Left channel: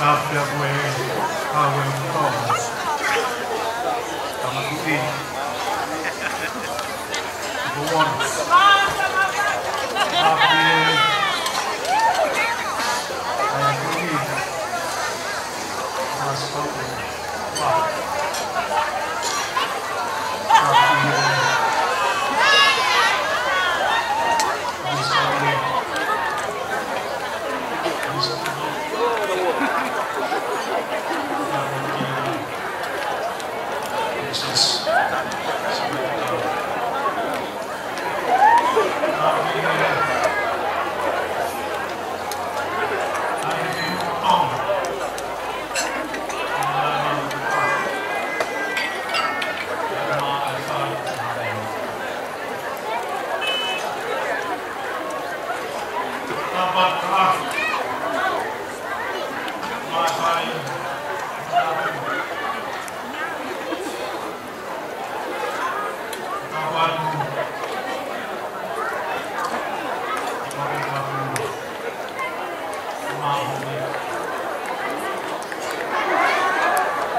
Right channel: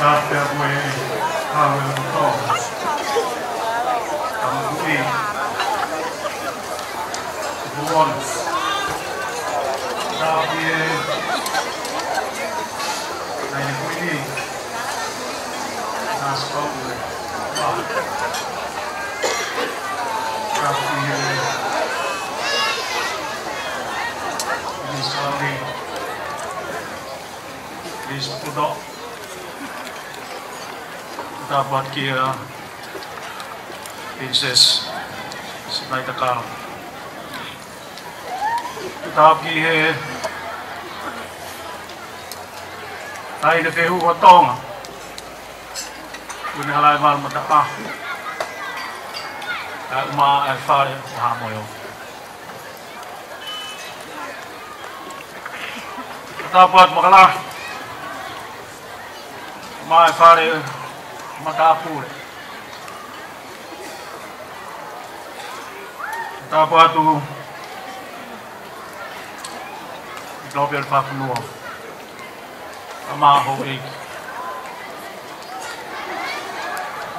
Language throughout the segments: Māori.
Tapia gue hawe utong. Kama kui. Buon. Tapia. Ay kui. Nas kowe. Wah. Tapia. Misalnya. Bisa tidak. Dapat kira Princess sampai tekal. Tapi ay dekehu potong. Punya lawan matapa. Dan ma alfa hamil. Dapat makalah. Ma alfa matapu. Dapat tu Nobel Papua. Sama hobi.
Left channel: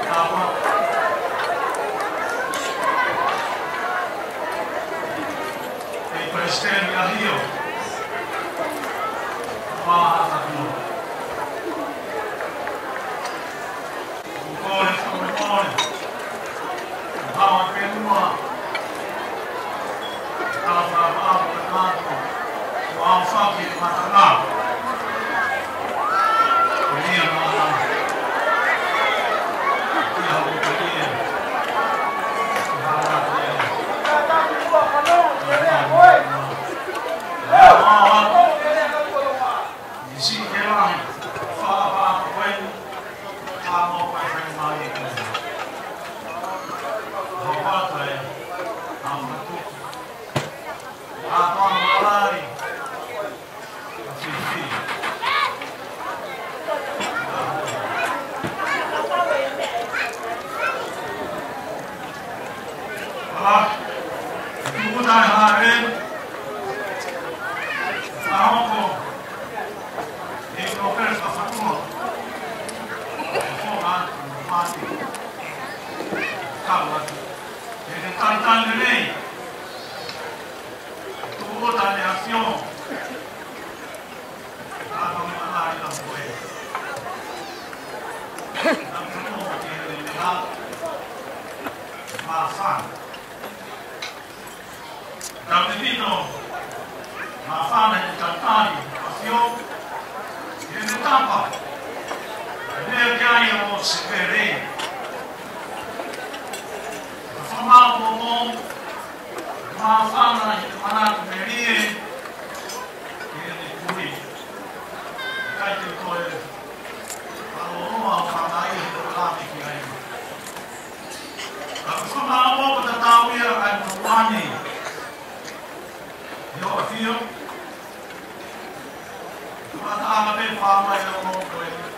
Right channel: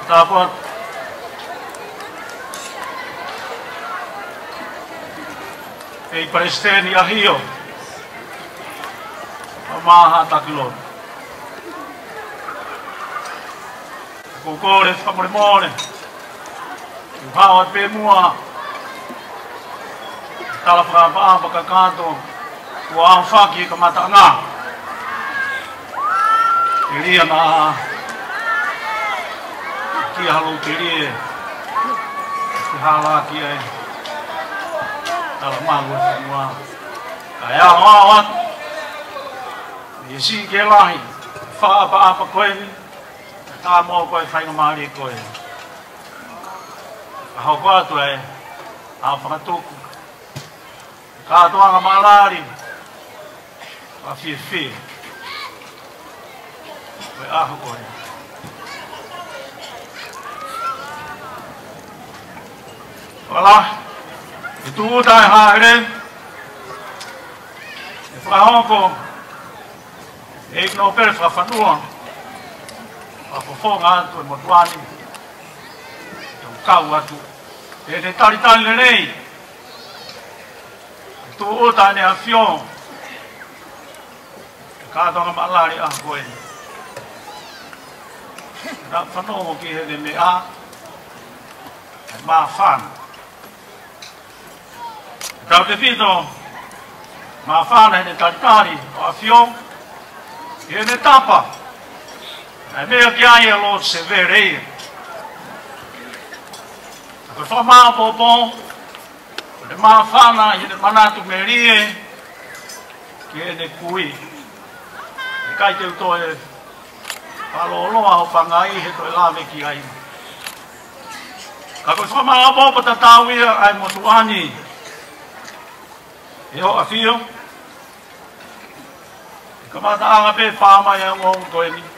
Dapat Presiden Yahyo. Sama Taklo. Kukore famrimone. Hawa pemua. Tala apa kakato. Wa faki kamatanga. Jadi na kia halu jadi. Hala kia. Talma. Ya awat. Isi kelahi. Fa apa kowe. Kamu kau yang mari kau, apa tu apa tu, kau orang malari, afifi, Walah, itu dah hari, faham ko, Nobel faham. Fongan con Motuani, Kawatu, e de tali nei, tu uta ne afion, cada malari a boi, na fano que de mea, ma fan, da devido, ma fan e de cantari, afion, e de tapa. É meio que aí eu se verei. Eu sou mal bom, de mal fala, de manato merie, que é de cui. Cai que eu tô falou loa o pangai, eu lá me que aí. Eu sou mal bom para tatar o ia aí Motuani. Eu aqui eu. Como a água bem fama é um coelho.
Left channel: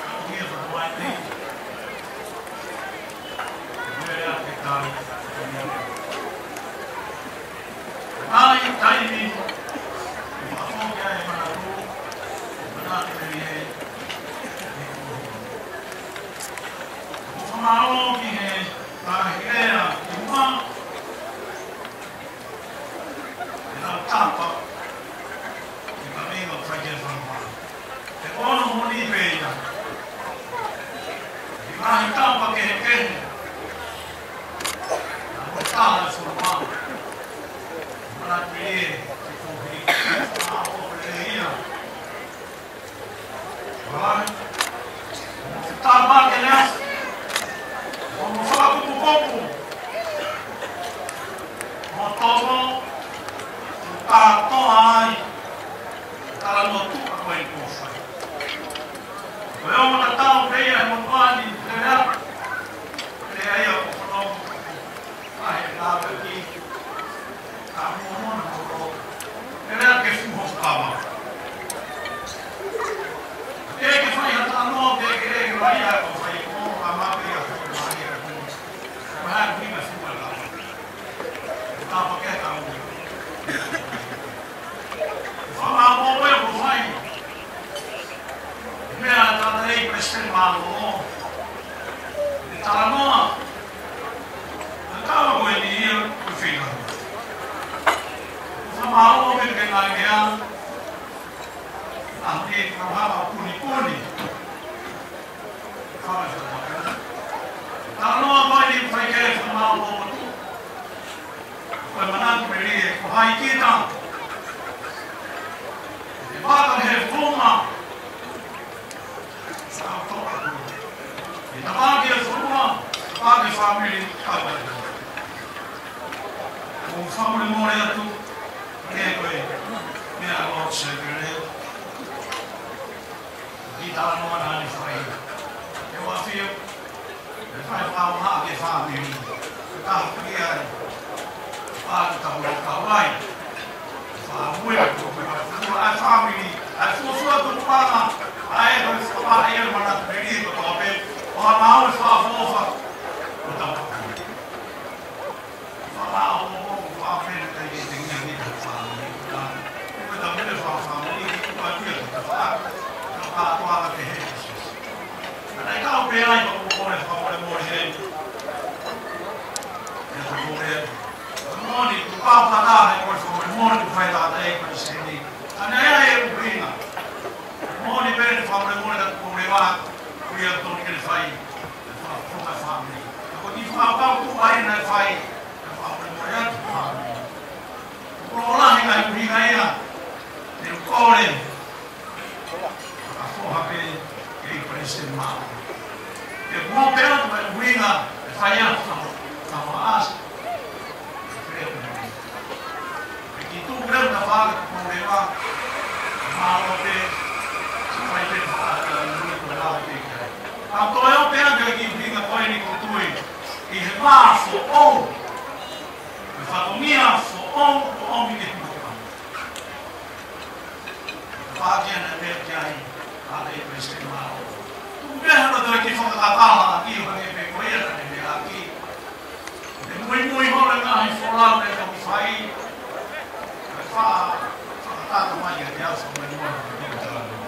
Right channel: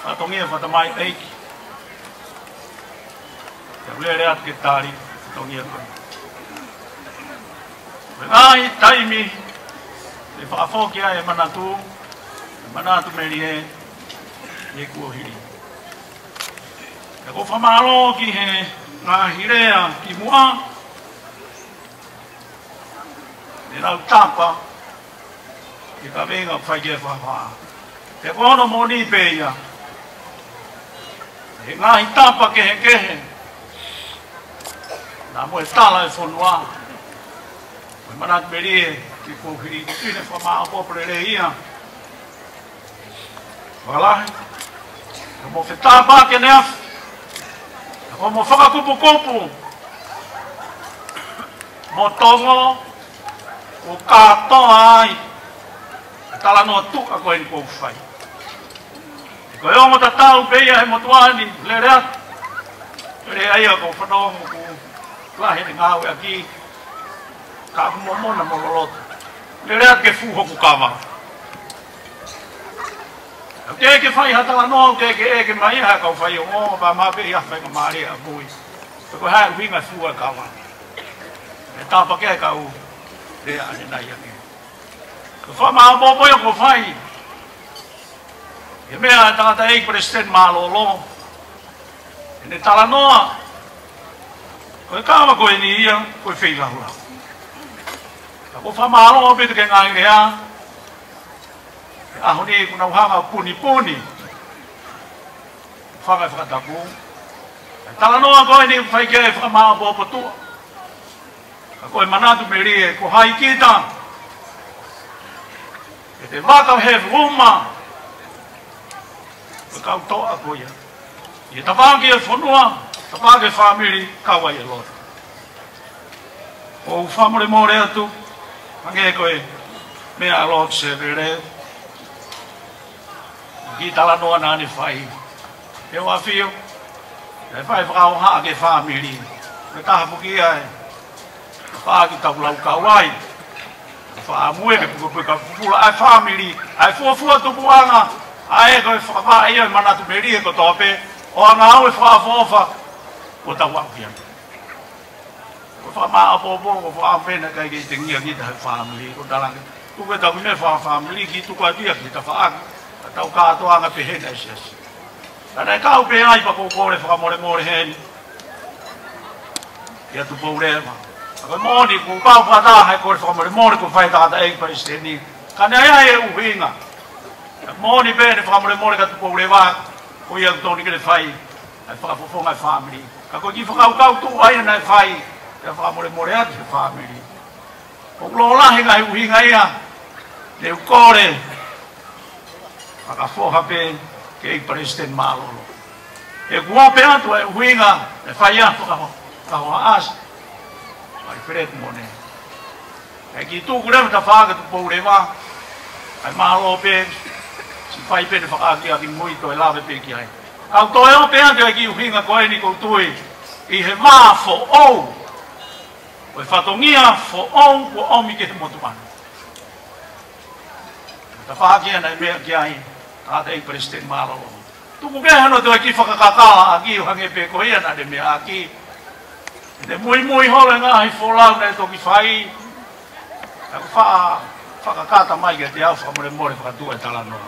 Atong ia pada mai tei. Boleh lihat kita ni, atong ia. Ai taimi. Di apa kia yang mana tu merie, ye kuhi. Aku famalo ki he, hirea ki mua. Dia tapa. Kita venga fai fama. Te ono moni peia. Ngahi tapa kehe. Namu tala e fonua. Manat merie ki kuhi fama apo prereia. Wala. Mo ke tapa ke nea. Mo faka kupu. Mo tongo. O kato ai. Tala no tu ako en kofai. Kaya mo tatao beya mo tuani lera. Le ayo ko fano mo lahi ngawe aki. Ka mo na mo rolot. Lera ke fu ho kama. Ke fai hata no ke mai ha ko fai o ba ma be ya fai mari a bui. Ko ha wi ma fu kama. Ta pa ke ka u. Le ai na ya. Fama mo mo ko fai. E mea tata ei presidente malolo. Ne tala noa. Koe kawa koe ni ia koe whilaua. Ko whamalo o petu ke ngai ngea. Aho ni kuna uhanga puni puni. Whanga whataku. Tala noa koe ni whaike whamao po potua. Koe manatu me rie ko hai kita. E te waka he wuma. Kau toa koe. I tawaki e whanua. Tawaki whamiri kawa i roa. O whamore more atu. Mange koe. Mea lot se vere. Ki tala noa nani whai. E wawhio. E whai whakau haa ke whamiri. E taha puki ai. Whaaki tapulau kawai. Whaamue ke puka pula ai whamiri. Ai fuafua tupuanga. Ai koe whakawai ia manatu meri e ko tope. O anga au e whaafofa. Ko tau wakia. Ko whamaa apopo ko whaafena kai ke te ngia ki tahe whamiri. Ko talang. Kupe tau me whamiri ki tukua tia ki ta whaaka. Tau kātoanga pe hena isias. Tanai kau pe ai pa kore whakamore more heni. Ia tu pourea. Ko moni ko kau pata hai kore whakamore more ko whai tata ei pari seni. Kane ai e uhinga. Moni bene whakamore more ka tu pourea wā. Ko ia toni kere whai. Ai whakapofonga whamiri. Ka ko ki whakau kau tu ai na whai. Ia whakamore more ati whamiri. Ko lolahi ngai uhinga ia. Te ukore. Whakafoha pe ke i presidente malo. E kua pe atu e uhinga e whai atu kaho asa. Mai whiretu mone. E ki tūku rewa ta whaaga tu poure wā. Ai malo pe. Si whai pe te whakaaki a ki mui to e lawe pe ki ai. Kau to eo pe atu e ki uhinga koe ni koutui. I he maa fo ou. Koe whatongia fo ou ko omi ke te motuana. Ta whaaki ana e mea ki ai. Ata i presidente malo. Tuku kea hano te ki whakakakala a ki o hange pe ko ia na te mea a ki. Te mui hore ngā hi wholau nei toki whai. Whakakata mai e te au whamore more whakatua i talano.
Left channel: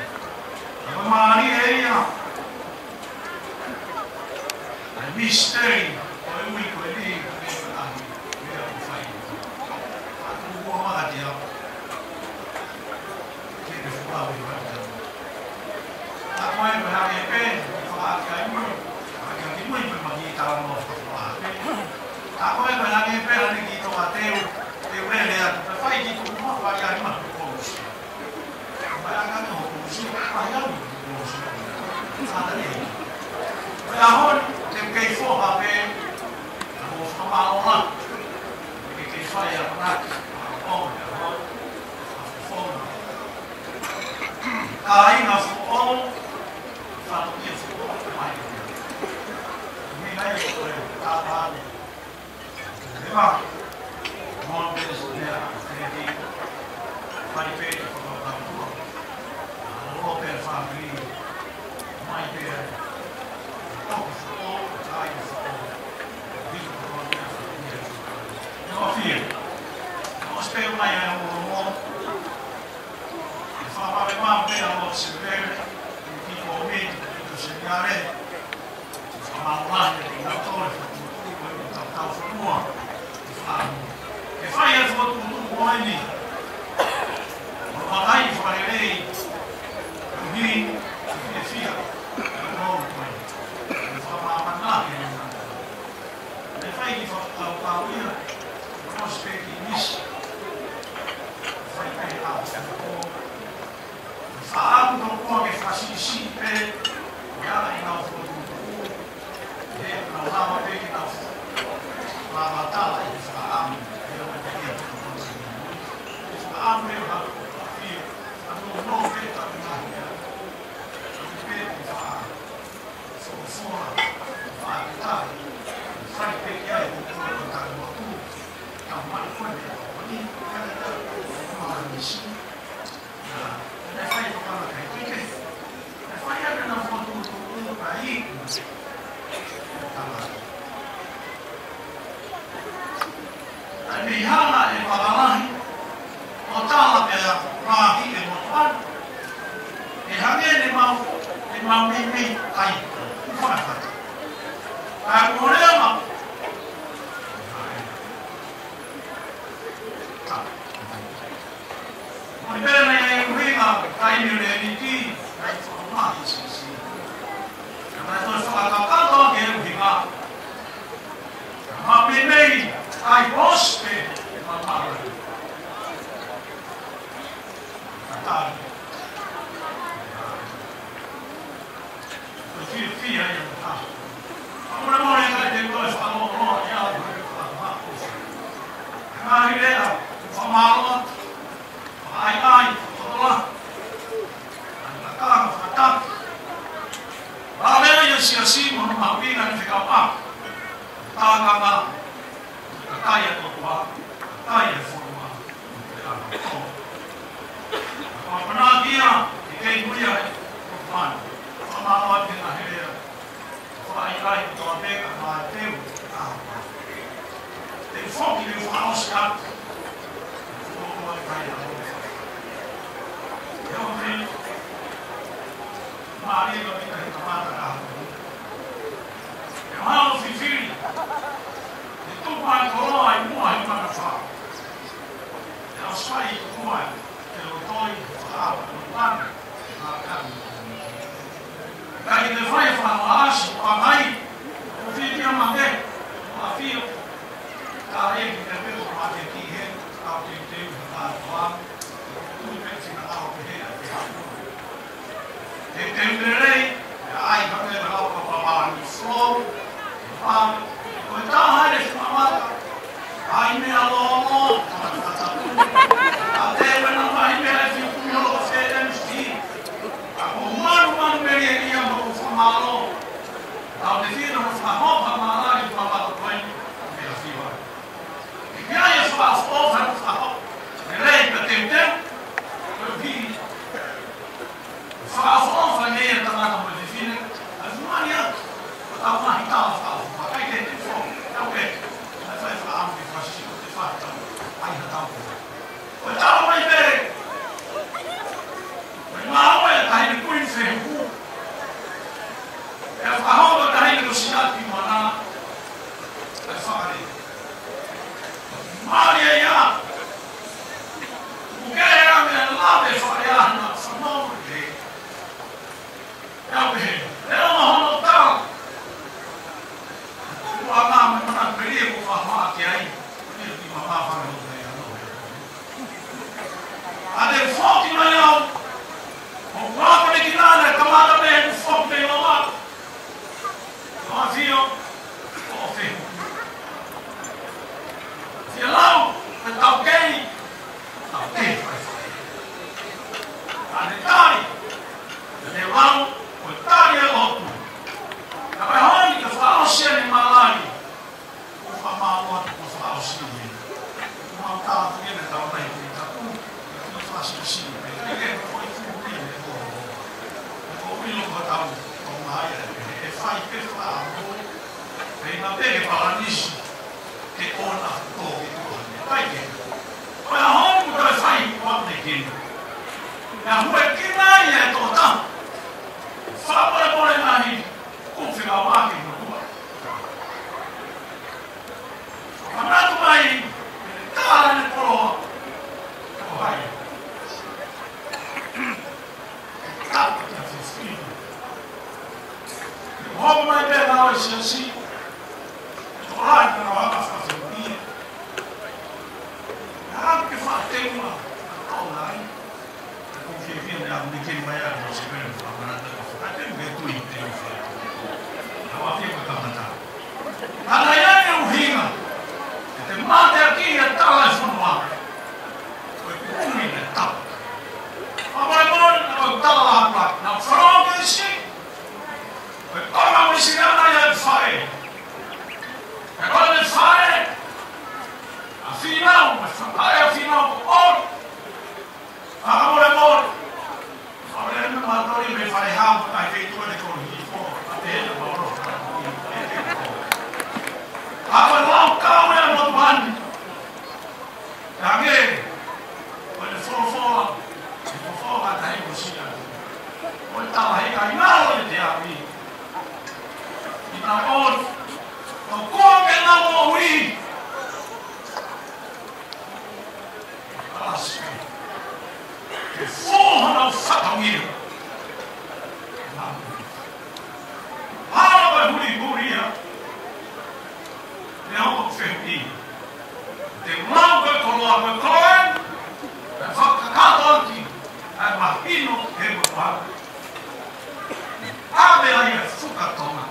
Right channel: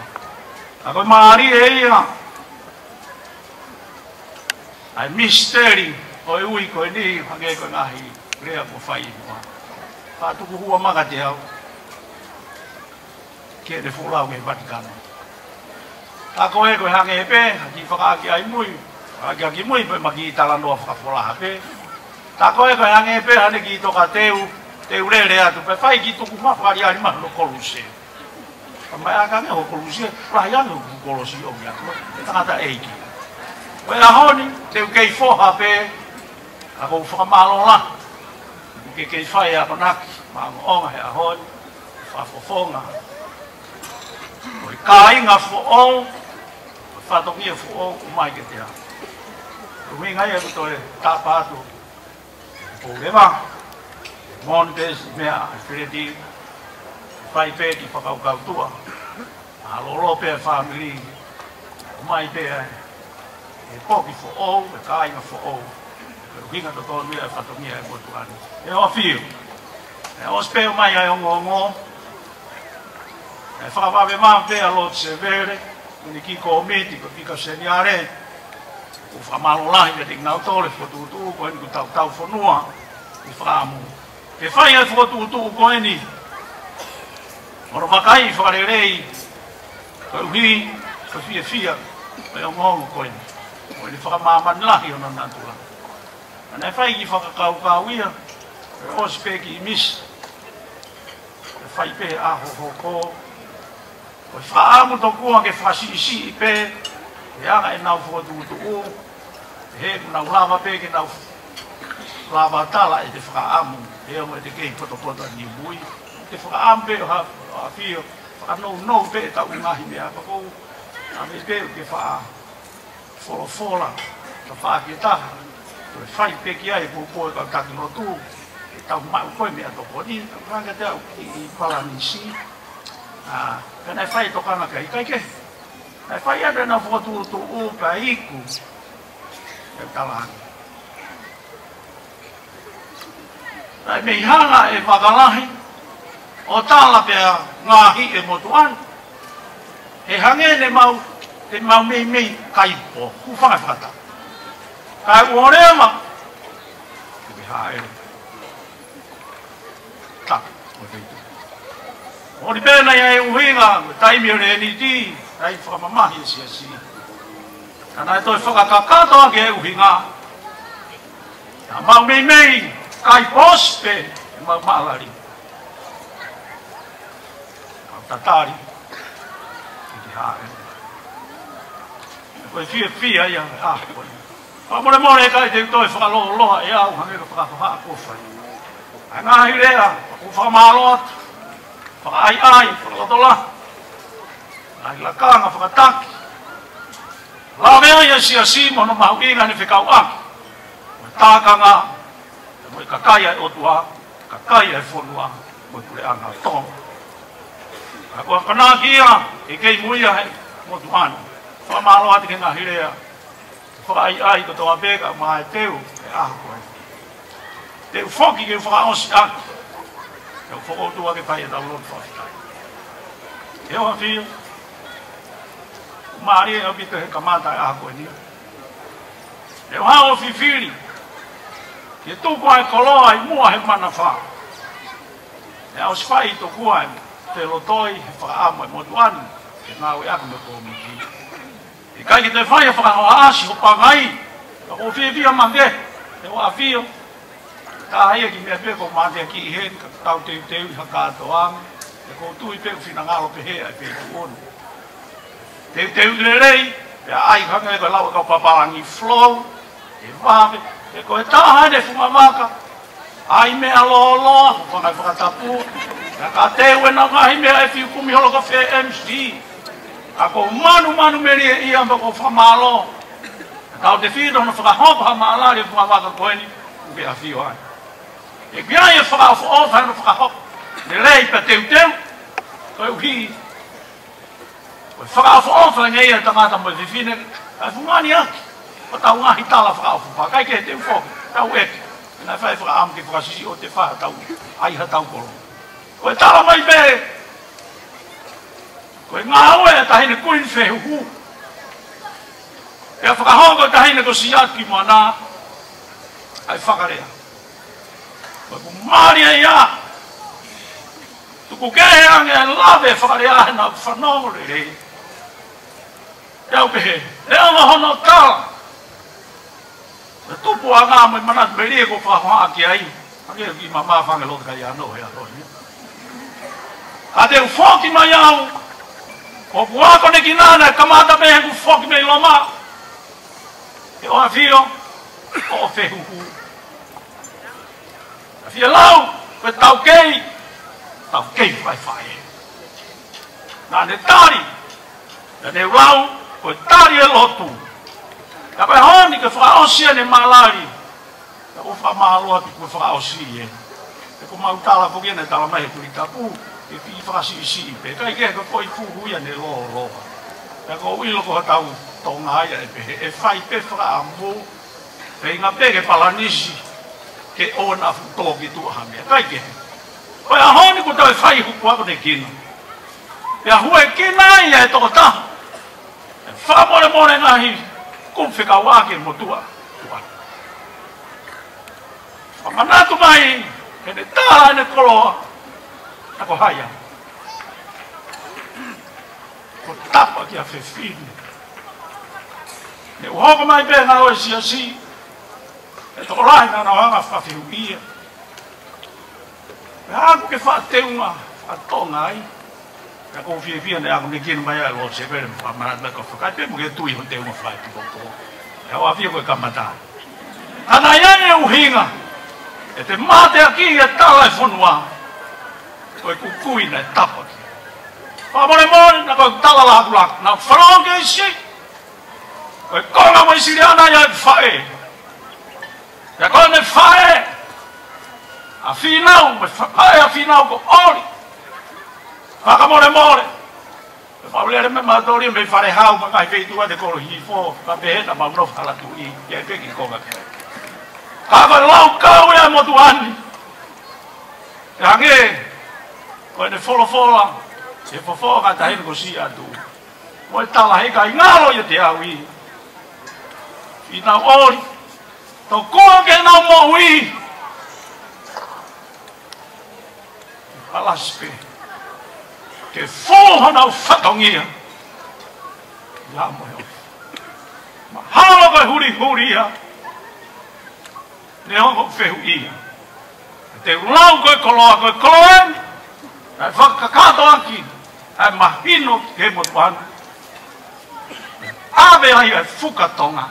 A koe maari e ia. Ai misteri o e ui koe ni hange koe ngahi rea ko whai. Whatuku hua maka te au. Ke te wholau e Vatikano. A koe koe hange e pe, ki whakaaki ai mui. Whakaaki mui pe maki i tala noa whakapolaha pe. Ta koe koe hange e pe hane ki toka teu rere atu. Pe whai ki tuku mawhari ai mahano kolusia. Ka mai aka me ho kolusia, prahi anu ku kolusia o mea. Tangata eiki. Koe ahoni, teu kei whoha pe, a kou whakamalo la. Ke kei whai a manaki, maa onga he ahoni, whafofonga. Ka inga whoong, whatokia whoong, umai ke te hau. Kumi ngai e kuto e tāpātu. Rewa, Montes, mea, Fredi, whai pēti whakaukau tua. A lolo pēr whamiri, umai pēr, e koki whoong, e ka inga whoong. Hinga to tō mea whatokia e kutuani. E o whiu. E o spēo mai ai ongo. E whakawawe maa pēr lot se vere, ni ki ko miti ko pika seniare ko whamalo lahi te ngau tore whatutu ko eni ko tau whanua i whaamu. E whai ai whatutu ko eni moro makai whakarerei ko uhi ko fia e o mauru ko eni ko eni whakamamani lahi o nanantua. Ane whai ki whakakau kāwia e osi pēki i misi e whai pē aho ko Koe whaamu tō kua ke whasisi i pē, e aga e nau whuatutu o, he nau lava pē ke nau lava tala e te whaamu, e o me te kei koto ni mui. Te whaamu pē o hawhio, whanau pē tau ngahi mea kakou, a me pē o ke whaafola, ka whaaketaha, koe whai pē ki ai koe ka taki no tū, tau mai koe mea tō koni, ka whanga tau i paranisi. Nai whai tokanga kai ke. Nai whai ane na whotutu o ka iku. E talani. Nai me hanga e whakalahi. O tala pia ngāhi e motuan. E hangene mau te mau mei kai po ku fa fata ai ore ma ai ta ori bena ia uhinga tai mi re ni ti ai fa mama hi si kana to fa ka to ke uhinga mau mei kai poste ma malari tatari Poi fia ia ah. Amore more kai te toi fa lo ia ma me fa ko fa. Ana hirea ko fa malo. Fa ai ko dola. Ai la kanga fa tak. La me ia si mo no ma winga ni fika wa. Ta kanga. Mo ka kai o tua. Ka kai e fo wa. Mo te ana to. Ako pana kia e kei muia he mo tuana. Fa malo ati ke ngahirea. Fa ai ko to abega ma teu. Teu foki ke fa osta. Eu vou do que vai dar luta. Eu vi Maria habita em camada água ali. Eu há o filho. Que tu vai colocar e morre mana fa. É os pais do qual pelo toi fa água muito ano. Que não é água muito bonita. E cai que te vai fa o acho para mai. Eu vi a mangue. Eu afio. Tá aí que me vê com mate aqui he tau te haka toang. E ko tui pe fina ngalo pe he ai pe ko. Te rei, ai hanga ko lau ko papangi flow. E va e ko ta hane fumamaka. Ai me alolo, ko na ko tapu. Ka te wena mai me e fi kumi holo ko fe MC. Ako manu meri ia ko famalo. Tau te fi no fa hopa mala le fumamaka ko ni. Pe a fi ai. E kia e whakao o whanu whakao. Ne rei pa teu. Koe uhi. Whakao o whanu ngei e tangata mo te whine. Ai whungani a. Pa tau ngahi tala whakao whakao. Kai ke teu whau. Tau eke. Nai whai whakaam ki whakasisi o te whaha tau. Ai ha tau koro. Koe tala mai pere. Koe ngā oe e tahine kuin whehu hu. E a whakahongo tahine ko siaki mana. Ai whakare. Maria ia. Tu kaya ang lave faria na fanori. Eu be. Eu não hono tal. Tu puanga mo mana beri ko fa ha ki ai. Ake ki mama fa ngelo kaya no ya no. Ade foki no yao. O bua ko ne kinana kamata be ku foki me loma. Eu afio. O fehu. Fia lau, pe tau kei fai. Nā ne tāri, ne rau, koe tāri e lotu. Ka koe honi ke whaosia ne malari, ka ko whamaloa tu koe whaosia e. E ko mau tala koe ne tala mai kuri tapu, ke pi whaasi pe. Kai ke koe fuhuia ne lo. Ka ko uilo ko tau tonga aia e whai pe whaamu, pe inga pe ke palanisi, ke ona futo ki tu hange kai ke o ya honi ku tai fai ku ko te kin ya hue kinai e to ta fa more nahi ku fika wa ke motua mana tu mai ne ta ne kolo ta ko haya ko tapa ki a fefi ne ho mai be na o si e ora na hanga fa fiuia. Anche fa te una a tona ai. Ka ko fia ne ang nikin mai a lo se ver fa ma na ko fa te mo ke tu i te mo fa. Ka wa fia ko kamata. Ana ya e uhinga. E te mate aki e tala e fonua. Ko ku kui na tapo. Pa mo na ko tala la blak na fronge si. Ko na mo si ana ya fa e. E quando fare afinal com ori a more fabrere me madori me fare hau ma kai vei tua de colo hi fo ka pena ma bro kala tu e ke ki ko ava lau kau ya mo tu ani range ko de folo e fo ka dai ko si atu o tala he kai ngalo yo te awi ina ori to ko ke na mo wi alaspe ke fo na fatongia la mo hala ba huri ya ne ho fe hui te lau ko koloen ai whakakato aki ai mahino ke mo tuana ave ai whukatonga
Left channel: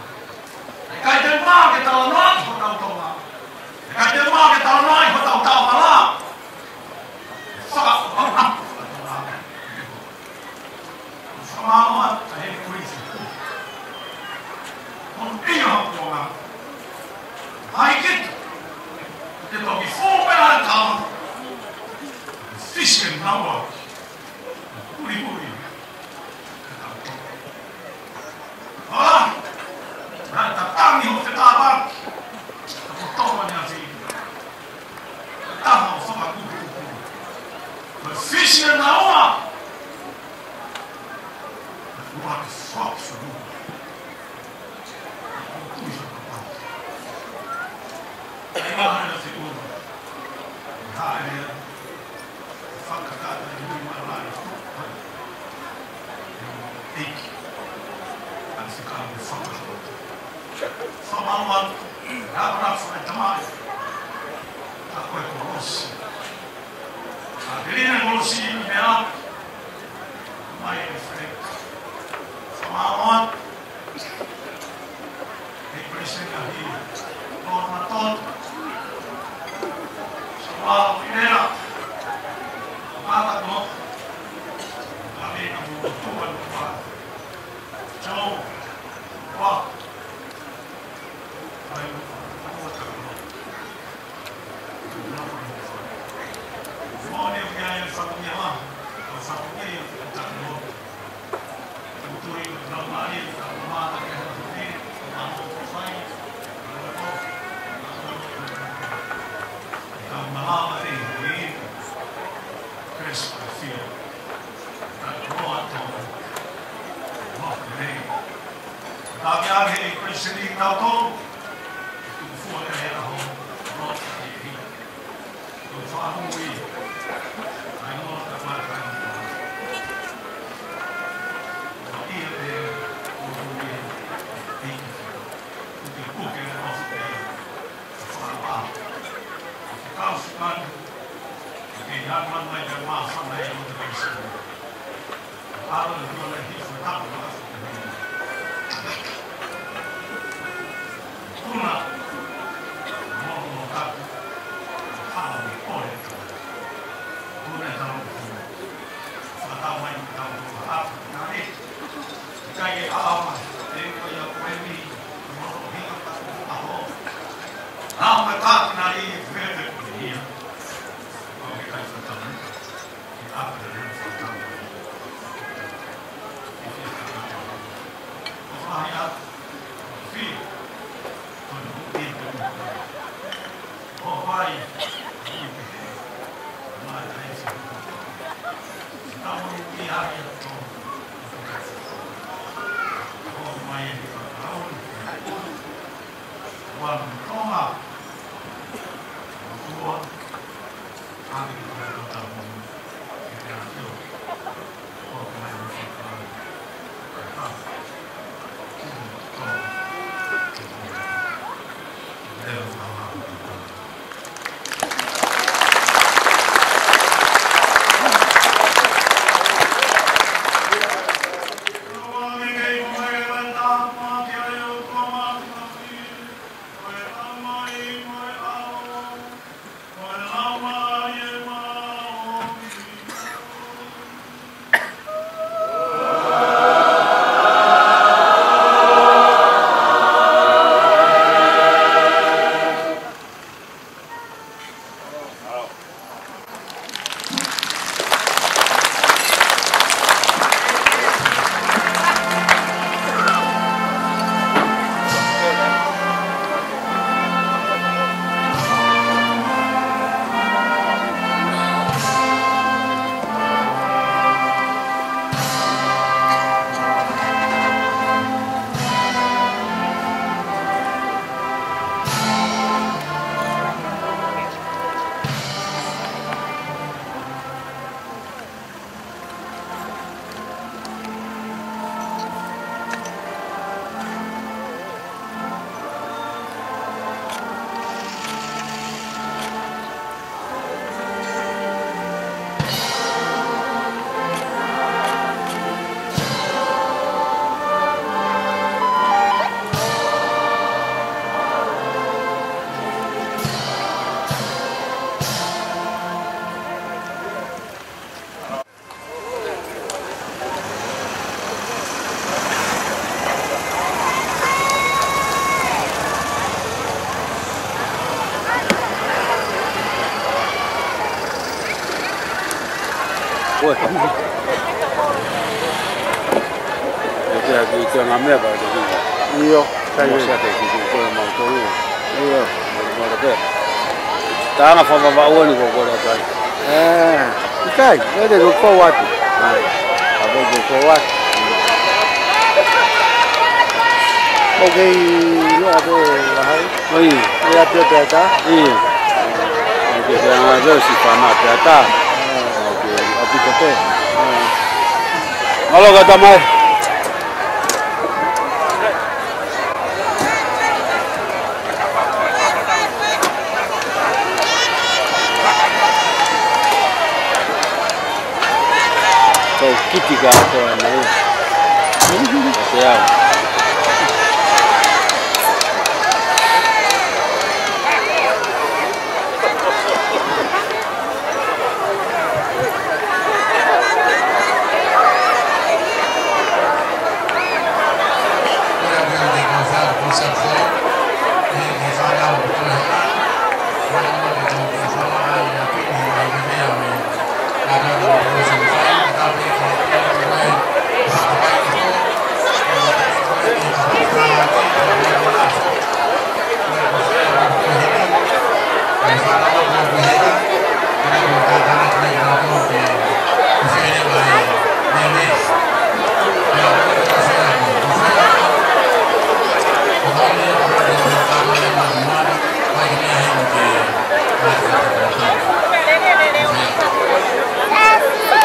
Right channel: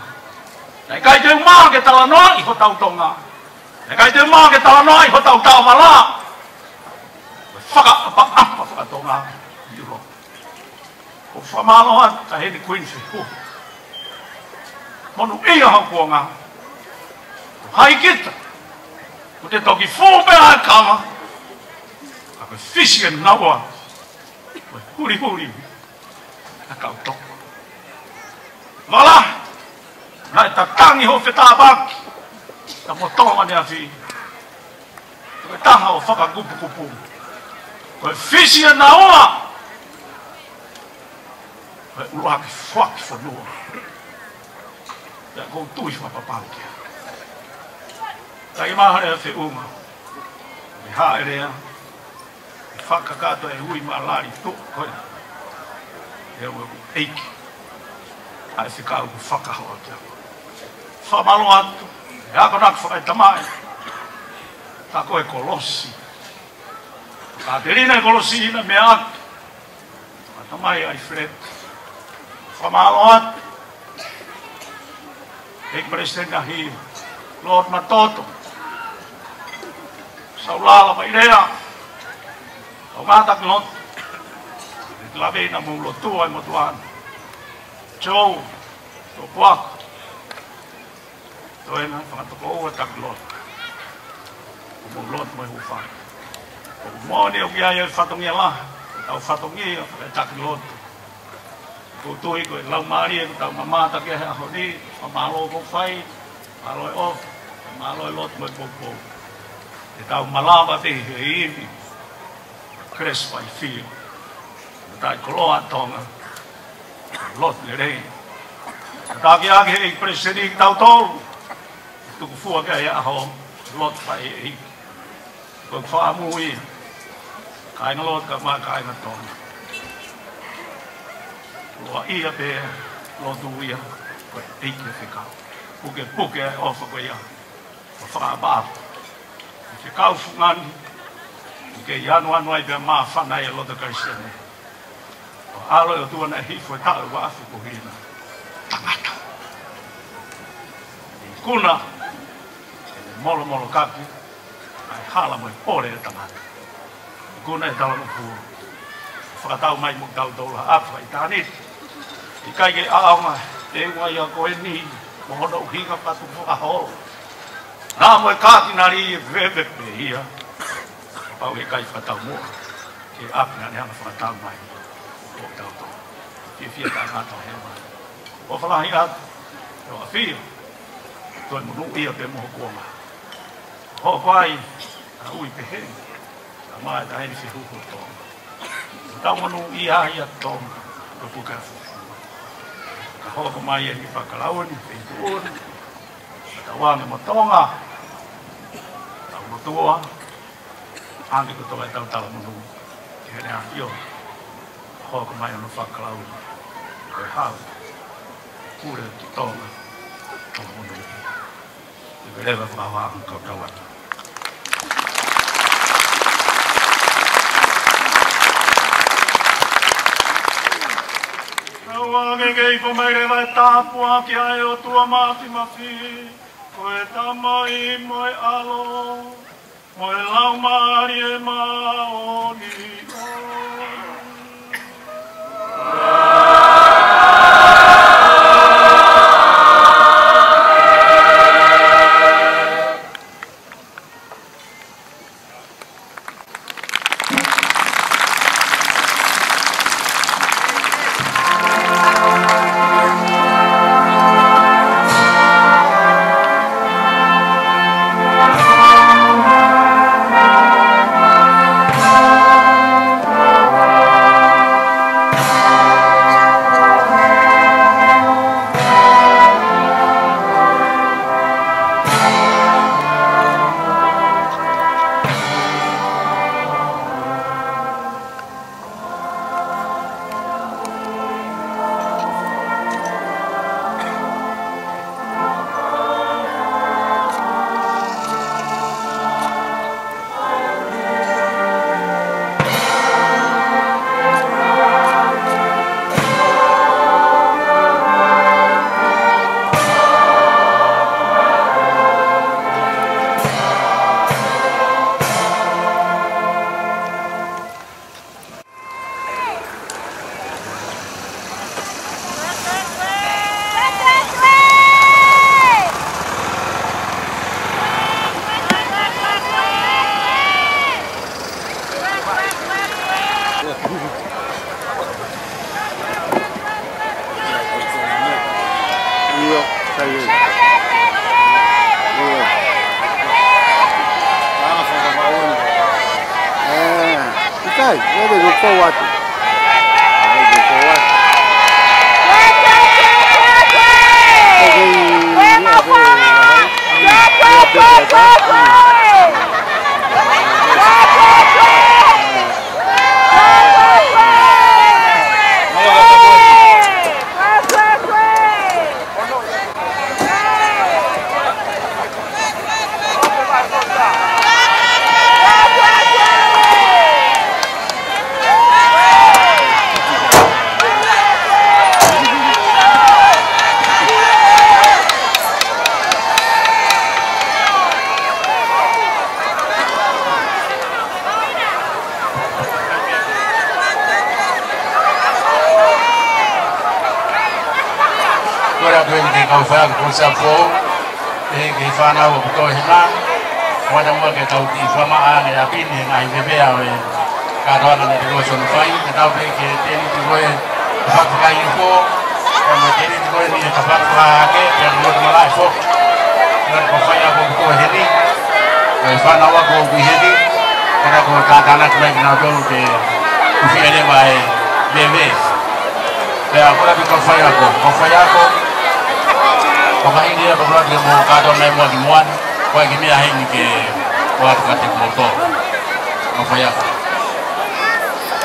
ai kai te maa ke tala noa i ho tau tonga ai kai te maa ke tala noa i ho tau tau mala whakatonga o whamaloa ta heni kuinse monu ia hakuanga hai kita o te toki fōpea e kama a koe fisi e naua huri a kau toko wala nai ta tangi ho whetāpaki ta motoa mani a whii koe taha o whakakupu koe fisi e naua koe uaki whaki whanua ko tui whakapaukia kai mahare a te uma i haerea e whakakata e hui maalari tuku koe e o eiki a se kāu ku whakahota whamalo atu e ako naku whakaitamai ta koe kolosi ka te rina e kolosi ina me atu kamai ai Fred whamalo atu e presena hi Lord Matoto saulala mai rea o gata knot clave na mulo tua mo tua Joe o qua toi na o ta knot mulo mo fai mo ne o ia ia fatongia la au fatongia ta knot tui ko lau mari ta mama ta ke ha hodi malo ko fai malo o malo lo to ko ta malava te i crespa i fio ta croa tonga lo ne rei ta ke age i presidi tau to tu fu ke ya ho lo fai i ko fa mui kai no lo ta ma kai ma to o ia pe lo duia e que fica porque o fo ia fa ba se cau fuman que ya no ai be ma fa na lo de caixa alo eu tu na hi foi tal ba su ko ni kuna molo kapi hala mo ore tamata kuna e tau ku fa tau mai tau do la apa tani kai ke aama e wai a koe ni mo no hinga patu a ho na mo ka kinari veve pia pau e kai fatau mo e apna ne ana fatau mai e fia ta ta o fala ia o fia to no ia pe mo ko ho vai ui pe he ma ai se hu ko ta mo no ia ia to ko ka ho mai e whakalaun, e kuon, ka wana matonga, ka motua, andi ku toa e tau mungu, e rea io, ho mai e whakalaun, e hau, kure tonga, o mungu, e rewa whawa ku kawana. Ngei ko mai re vai tāpua ki ai o tua māti mawhi koe tamai moe alo moe lau maari e maoni Iyo, sayo. Iyo. Sana fama maoni kwa kwa. Ikai, wewe uko watu. Wewe uko watu. Okay, ya hapo hai. Ya pepe hata. Ndio ndio kama hata. Halo kata mai. Sapo ke fana o to hina wada mo ke tau ki fama ale ya pini na ibebe awe ka do na ko so fai ta be ke te ti ko fa ka i ko ma te ti ko ni ka fa ka ke mo mo la so na ko fa ya ko ko hini ai fana wa ko bi hini kana ko ta ta na ko na do ke ku fi ne wa e bebe ya ko fa ya ko Maka ini dia pernah dia mau kado lemon muan, kau ini ahim ke buat kata foto, apa ya?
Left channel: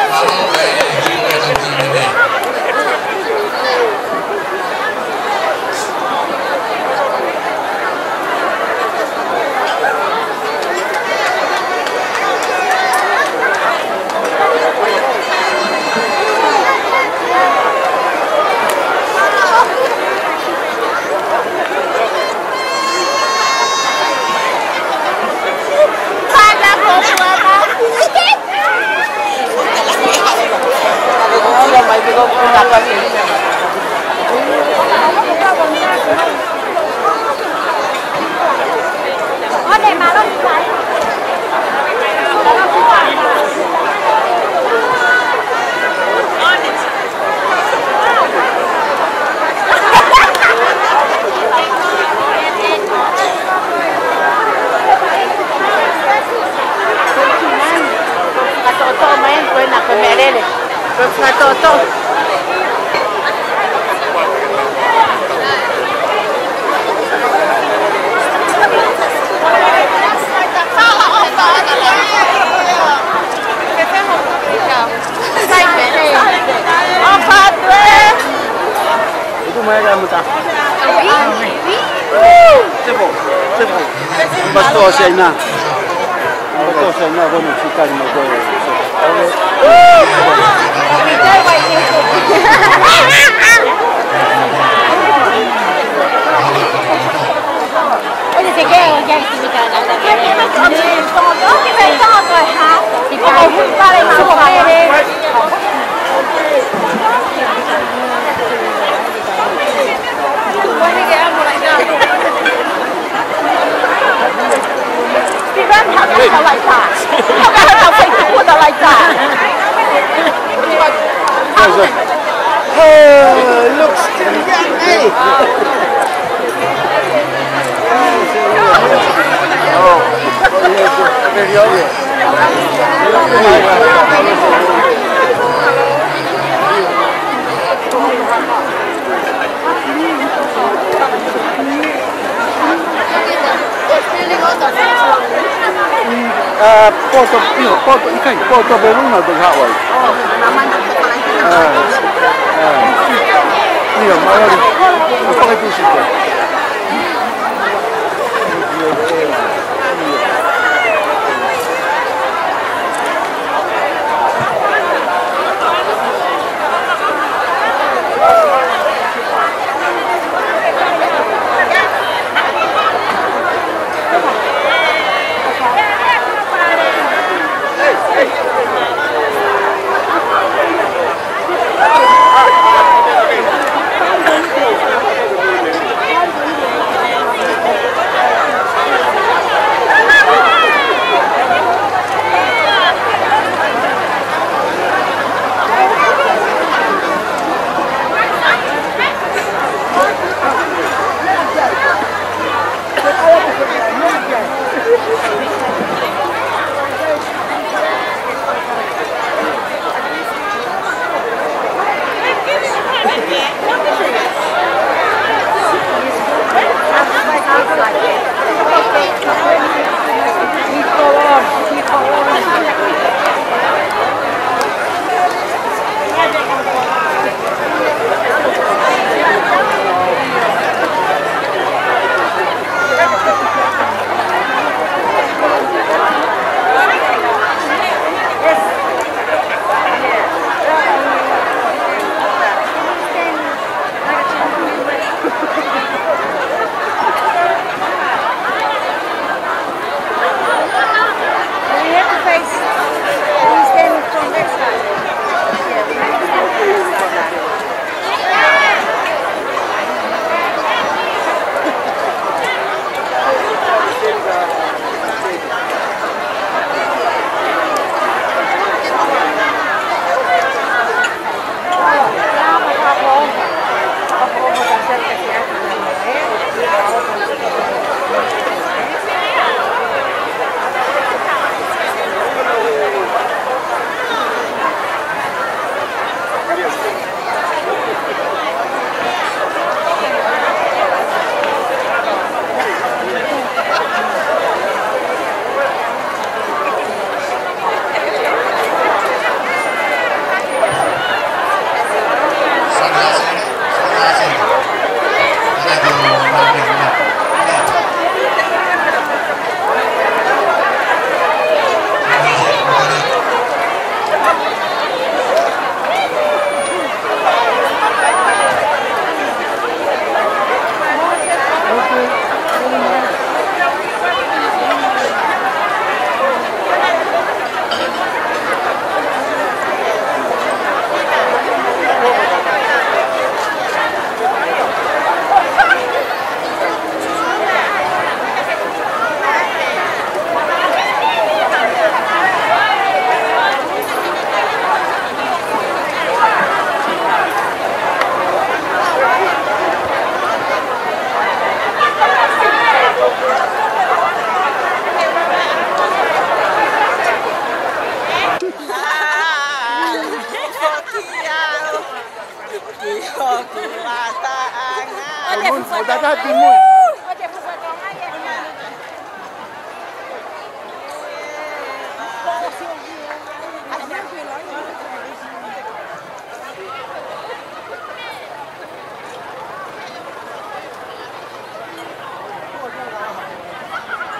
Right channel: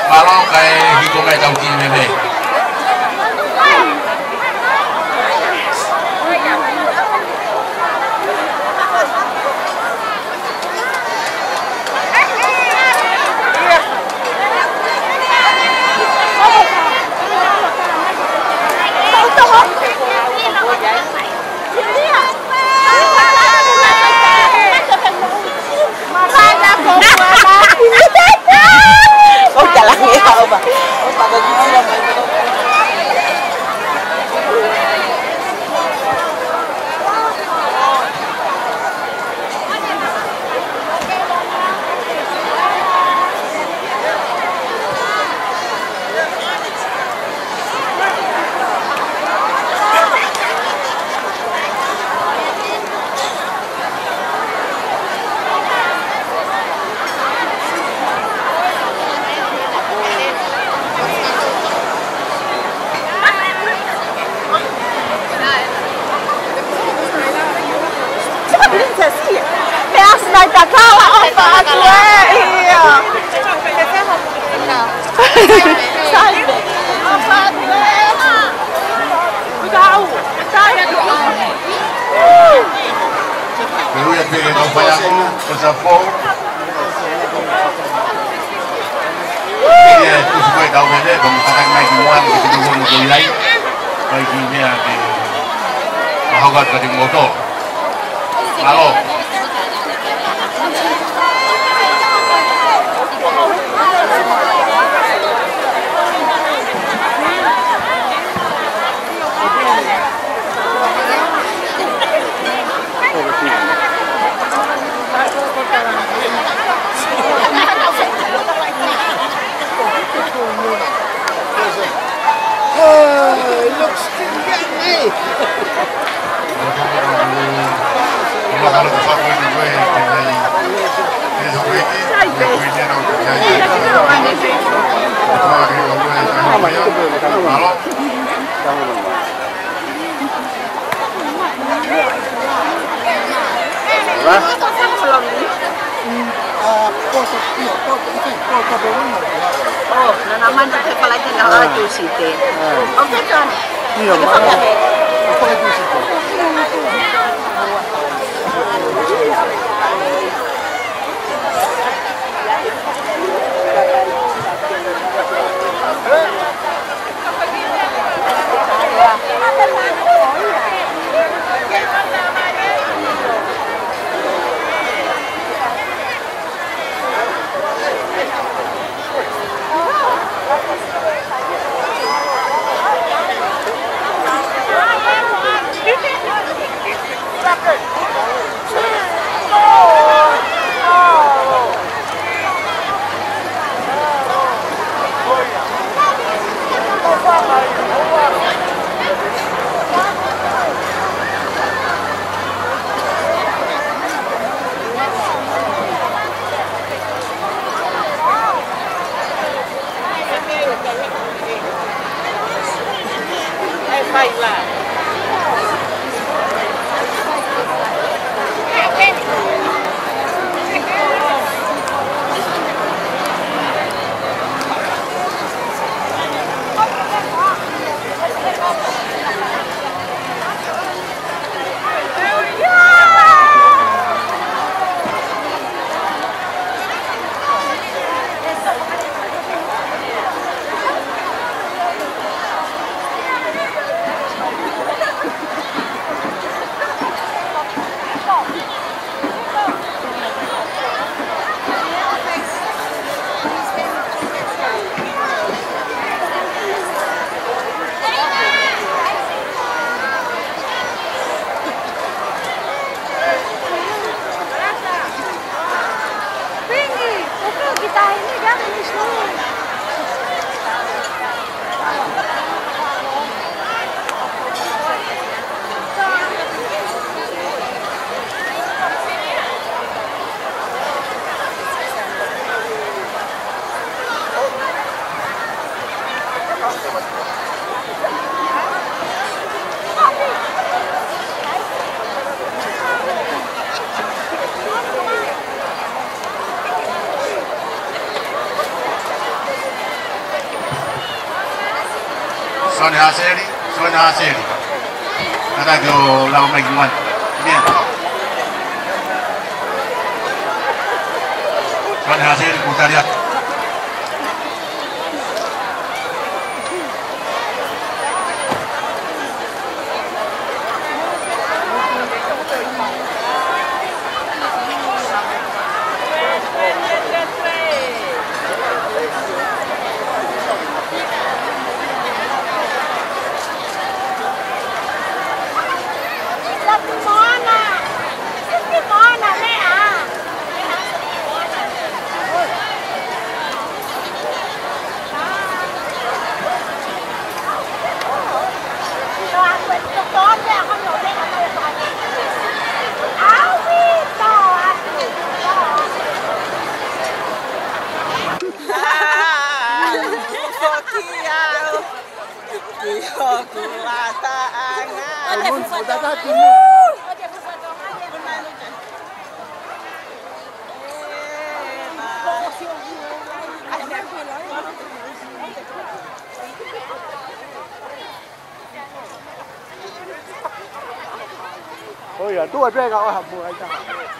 Kalau kayak hidup kayak tahu kini deh. Soan Haseli, ada do lau mingguan. Ni. Soan Haseli bukan dia.都係邊個合夥嚟㗎？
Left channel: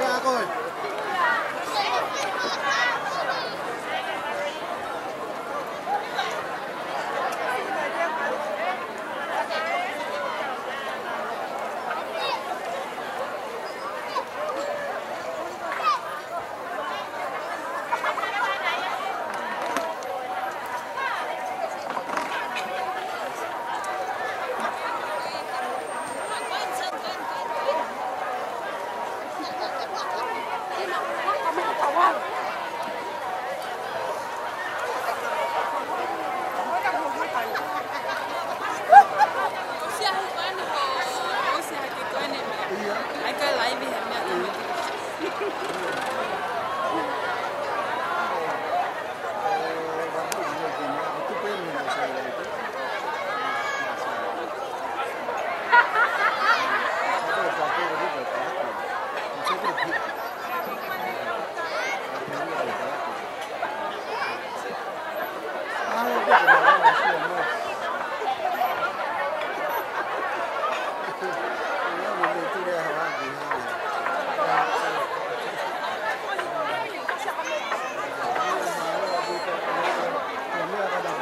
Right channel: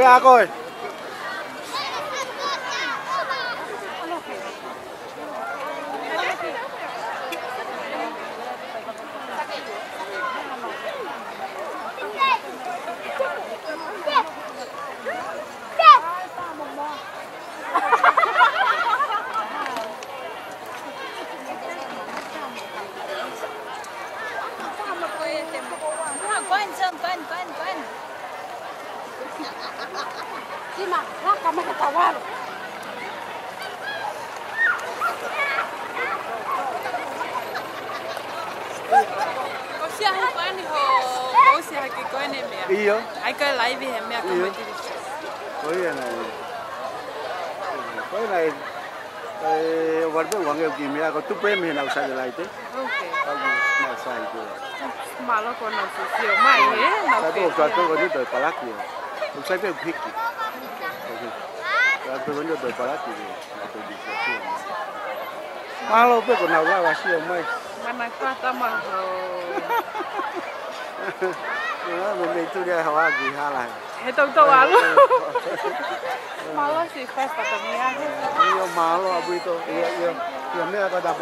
Bữa coi. Iya. Ai cái lấy vì em mẹ không biết. Cái này vật dụng của người tìm ra có túp bên thì nào xài lại chứ. Mà nó còn nhiều mày nhé. Tôi có đi tới cả lắc rồi. Tôi sẽ biết thích. Tôi muốn được cả lắc rồi. Alo, tôi còn nào ra là siêu mày. Anh ta tâm mà. Mình tu dia hawa gì ha lại. Ito alo. Malo si festa también. Yo malo abito. Yo me va a dar.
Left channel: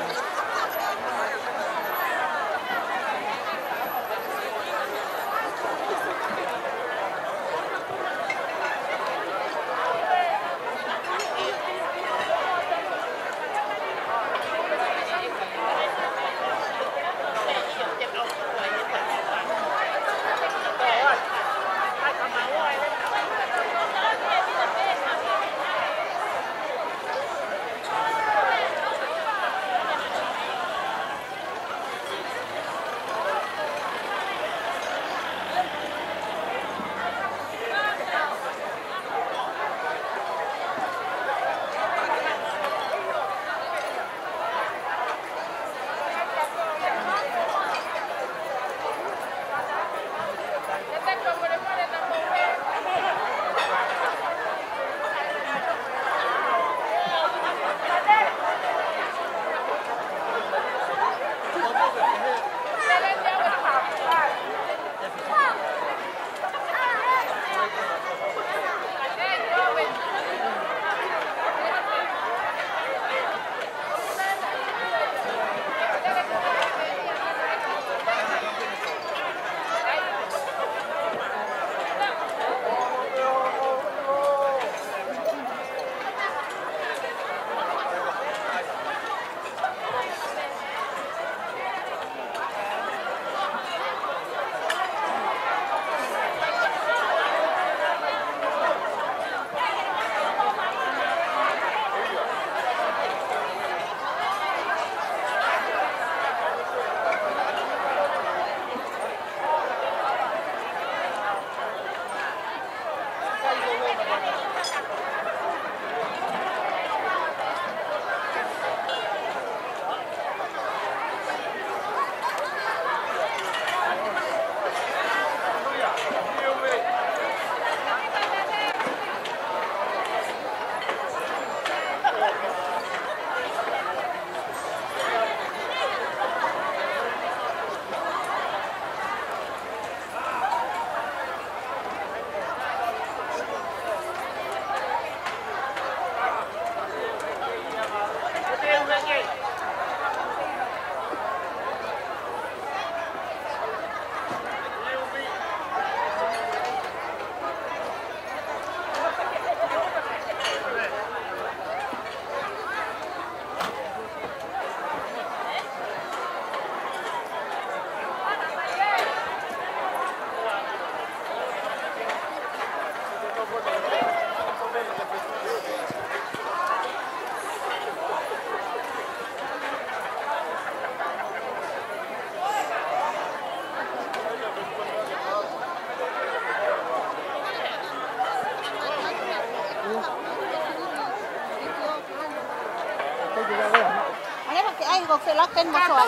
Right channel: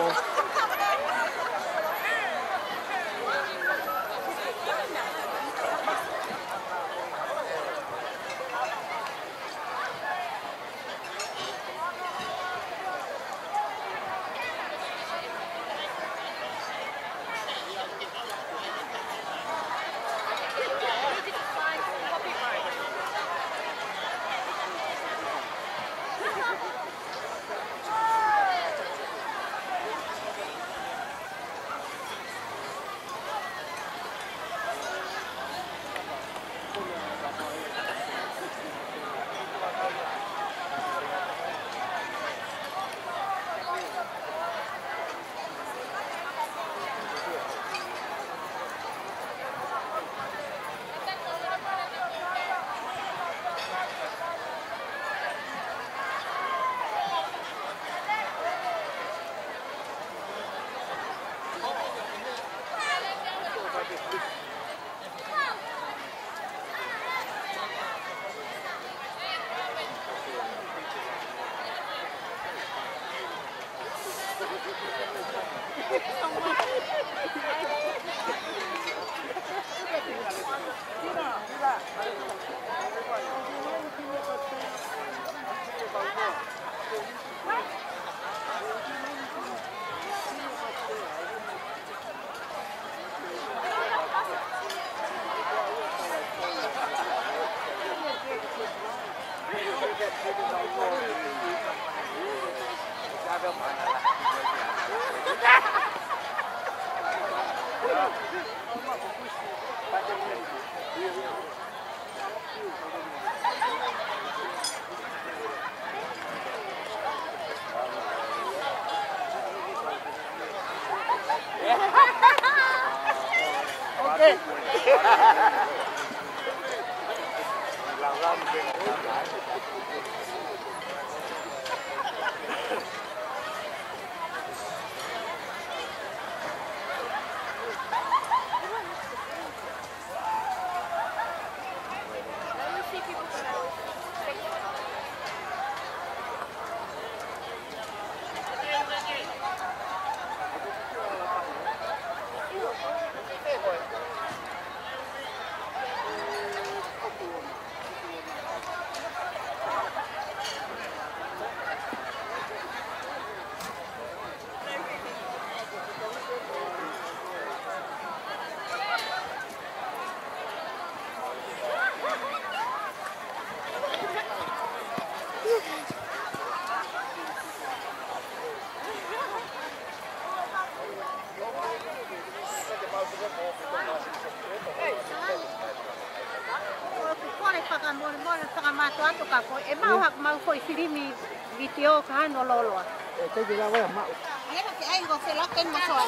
Anh ấy anh có phải lắc tên một sỏi.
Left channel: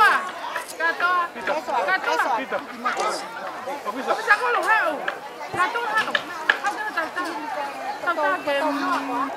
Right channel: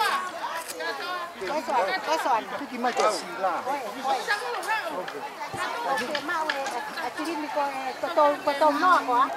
Cái sỏi. Cái tôm nó quá.